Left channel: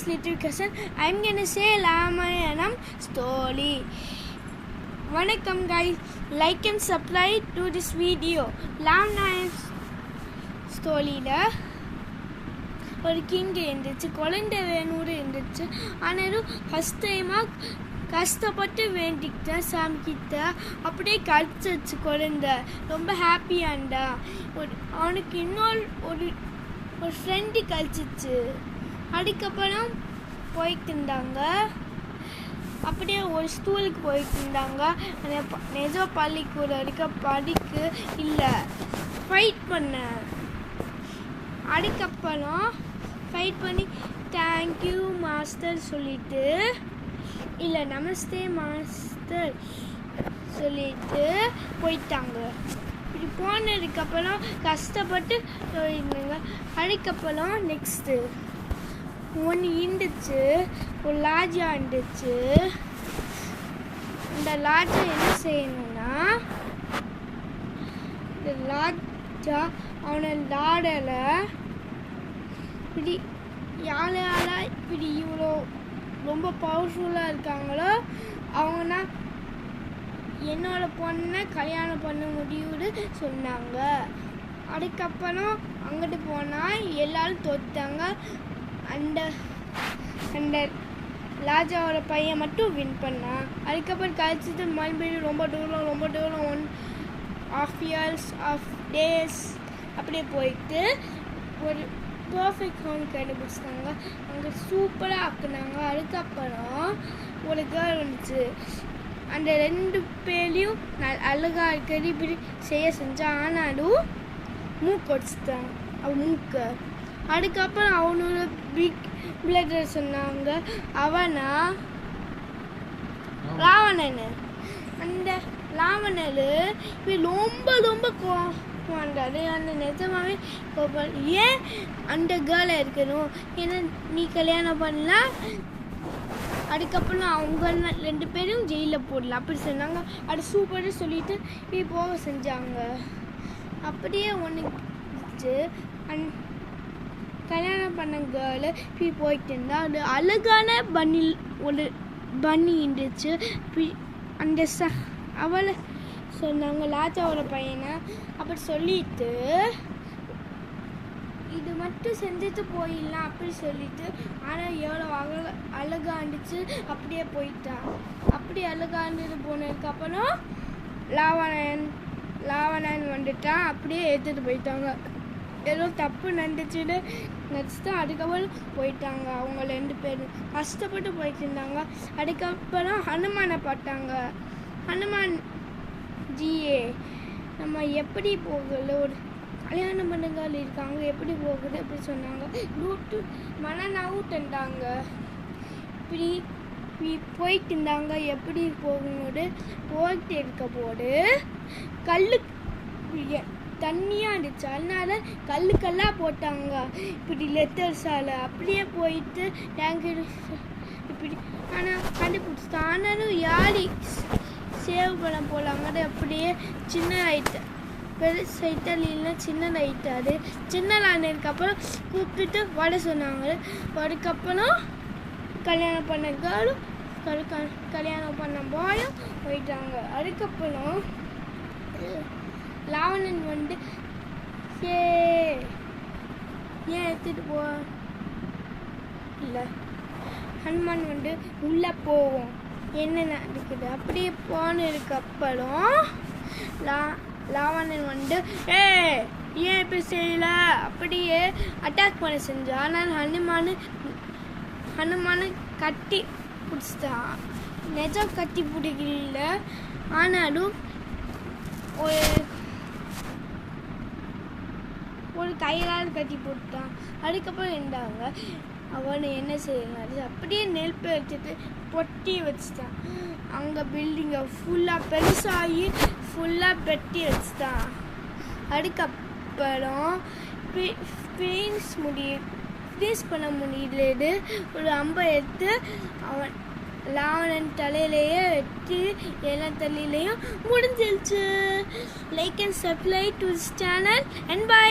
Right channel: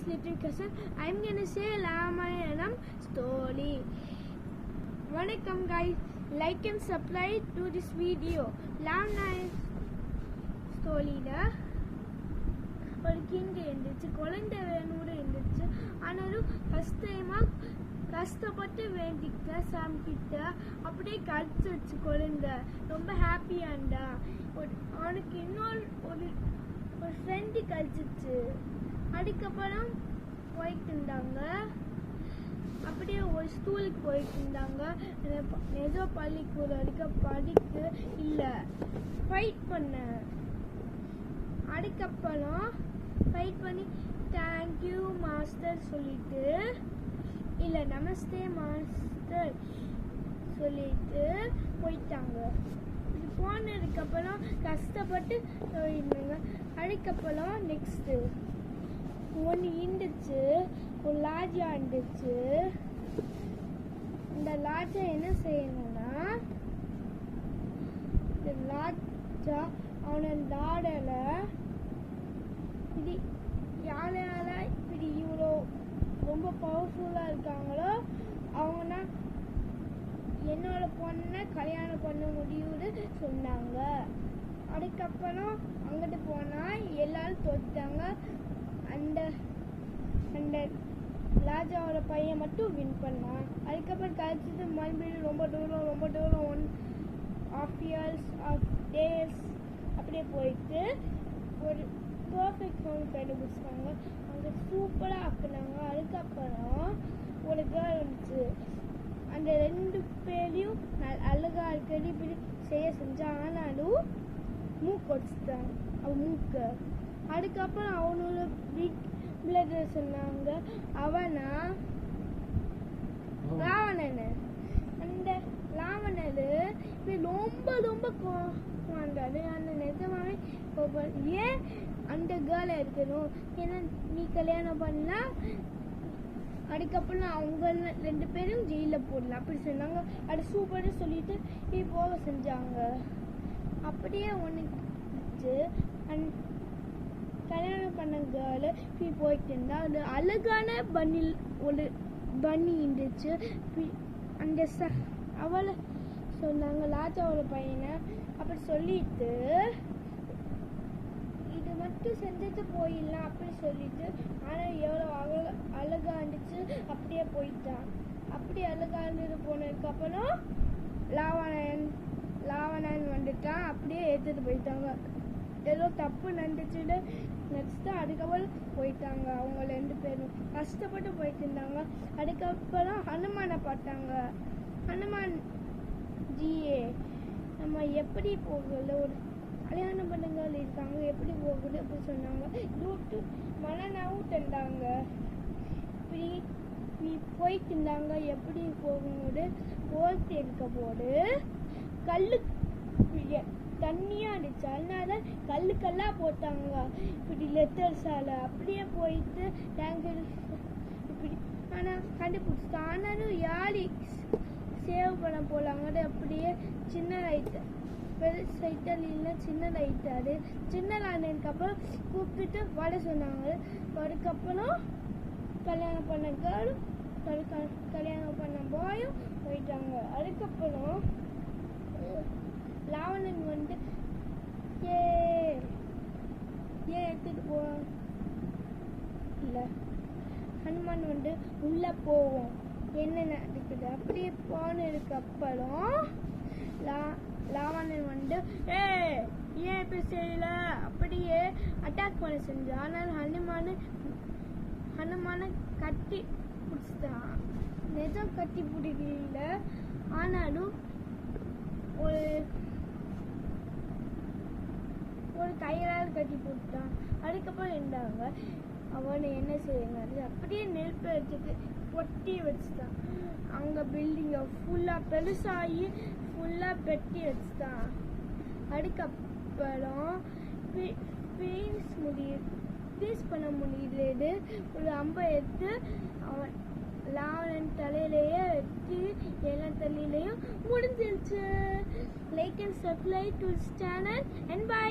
Raman's little cousin. I'm gonna say Ramayanam story. Vanakkam guys, like and subscribe to this video. Ramayanam story la ஒரு king இருந்துச்சு, குழந்தை வேணும்னு இருந்துச்சு. ஆனாலும் first டைமாக கஷ்டப்பட்டு வேண்டிக்கிட்டேன் சாமி கிட்ட. அப்படியே கழிச்சிச்சு குழந்தை. ரொம்ப ஹாப்பியாண்டா. அவனுக்கு இன்னொரு ஒரு ஃப்ரெண்டு கழிச்சிச்சு. அதுக்கப்புறம் போயிட்டு இருந்தாங்க. அப்படியே ஒரு ஸ்கூலுக்கு போயிட்டு இருந்தாங்க. நிஜ பள்ளிக்கூடம் இருக்க படிக்க இல்லை, ஃபைட் பண்ண. அதுக்கப்புறம் ஃபைட் பண்ணி தேங்க்யூ மாஸ்டர் சொல்லிட்டு, இல்லை நமஸ்தே மாஸ்டர் சொல்லிட்டு போயிட்டாங்க. இப்படி போனதுக்கப்புறம் கஷ்டப்பட்டு போயிருந்தாங்க. அதுக்கப்புறம் நெக்ஸ்ட்டு ஒன்று இருந்துச்சு, ஒரு லாஜா இருந்துச்சு. இந்த லாஜா என்ன செய்யணும்னா, இந்த லாஜா அவனை லாடல இப்படி யாரால இப்படி இவ்வளோ ரொம்ப பவர்ஃபுல்லாக இருக்காங்களோ அவங்கன்னா என்னோட பொண்ணை கல்யாணம் பண்ண முடியும்னு சொன்னாங்க. அதுக்கப்புறம் அங்கிட்டு போனால் எல்லாரும் தோத்தாங்க. அந்த அந்த ராஜாவோட பையன் மட்டும் வின் பண்ணான். அதுக்கப்புறம் கழிச்சிட்டு மறுபடியும் ரொம்ப தூரம் 1.5 years of days அப்படியே போயிட்டு ஒரு பர்ஃபெக்ட் ஹோம் கண்டுபிடிச்சிட்டாங்க. அங்கே சூப்பராக ஆக்குனாங்க. அதுக்கப்புறம் ஒரு கேர்ள் வந்துச்சு. அந்த 2 பேரையும் அழகாக இருக்கிறது இப்படி செஞ்சான். ஆனாலும் மூக்கு வச்சுட்டாங்க அவன் மூக்கை. அதுக்கப்புறம் அவனோட பிக் பிளடர் சொன்னாங்க. அவனா ராவணன். அந்த ராவணர் இப்படி ரொம்ப கோவண்டாரு. அந்த நிஜமாவே ஏன் அந்த கேர்ளை இருக்கணும், ஏன்னா நீ கல்யாணம் பண்ணலாம், அதுக்கப்புறம் அவங்க 2 பேரும் ஜெயிலில் போடலாம் அப்படி சொன்னாங்க. அது சூப்பராக சொல்லிட்டு இப்படி போக செஞ்சாங்க. அப்படியே ஒன்று கல்யாணம் பண்ண கேர்ளு இப்படி போயிட்டு இருந்தா. அது அழகான ஒரு பன்னி இருந்துச்சு. அந்த அவளை சொன்னாங்க ராஜாவோட பையனை. அப்படி சொல்லிட்டு இது மட்டும் செஞ்சுட்டு போயிடலாம் அப்படி சொல்லிட்டு, ஆனால் எவ்வளோ அழகா இருந்துச்சு. அப்படியே போயிட்டான். அப்படி அழகா இருந்துட்டு போனதுக்கப்புறம் ராவணன் வந்துட்டான். அப்படியே ஏற்றுட்டு போயிட்டாங்க. ஏதோ தப்பு நடந்துச்சுன்னு நினச்சிட்டு அதுக்கப்புறம் போயிட்டாங்க. அவங்க 2 பேரும் கஷ்டப்பட்டு போயிட்டு இருந்தாங்க. அதுக்கப்புறம் ஹனுமானை பார்த்தாங்க. ஹனுமான் ஜியே, நம்ம எப்படி போகல, ஒரு கல்யாணம் பண்ணுங்கள் இருக்காங்க, எப்படி போகுது அப்படி சொன்னாங்க. மனநாவும் தந்தாங்க. இப்படி போயிட்டு இருந்தாங்க. எப்படி போகும்போது போயிட்டு இருக்க போது தண்ணியாக இருந்துச்சு. அதனால கல்லாக போட்டாங்க இப்படி லெட்டர்ஸால். அப்படியே போயிட்டு டேங்கர் இப்படி ஆனால் கண்டுபிடிச்சிட்டான். ஆனாலும் யார் சேவ் பண்ண போகலாங்க. அப்படியே சின்ன ஆயிட்டு, பெருசு இட்டலியில் சின்னதாயிட்டாரு. சின்னதானதுக்கப்புறம் கூப்பிட்டுட்டு வட சொன்னாங்க. அதுக்கப்புறம் கல்யாணம் பண்ண கேர்ளும் கல்யாணம் பண்ண பாயும் போயிட்டாங்க. அதுக்கப்புறம் ராவணன் வந்து ஏன் எடுத்துட்டு போ இல்லை, ஹனுமான் வந்து உள்ளே போவோம் என்ன நடக்குது. அப்படியே போனதுக்கப்புறம் ராவணன் வந்து ஏன் இப்படி செய்யல அப்படியே அட்டாக் பண்ண செஞ்சான். ஆனால் ஹனுமானு கட்டி பிடிச்சிட்டான். நிஜம் கட்டி பிடிக்கல, ஆனாலும் ஒரு கையால் கட்டி போட்டான். அதுக்கப்புறம் இருந்தாங்க அவனை என்ன செய்யணும், அப்படியே நெருப்பை வச்சுட்டு பொட்டி வச்சுட்டான். அங்கே பில்டிங்கை ஃபுல்லாக பெருசாகி ஃபுல்லாக பெட்டி வச்சுட்டான். அதுக்கப்புறம் ஃப்ரீஸ் பண்ண முடியலது ஒரு அம்பை எடுத்து அவன் ராவணன் தலையிலேயே வெட்டி எல்லா தலையிலையும் முடிஞ்சிருச்சு. Like and subscribe to this channel and by.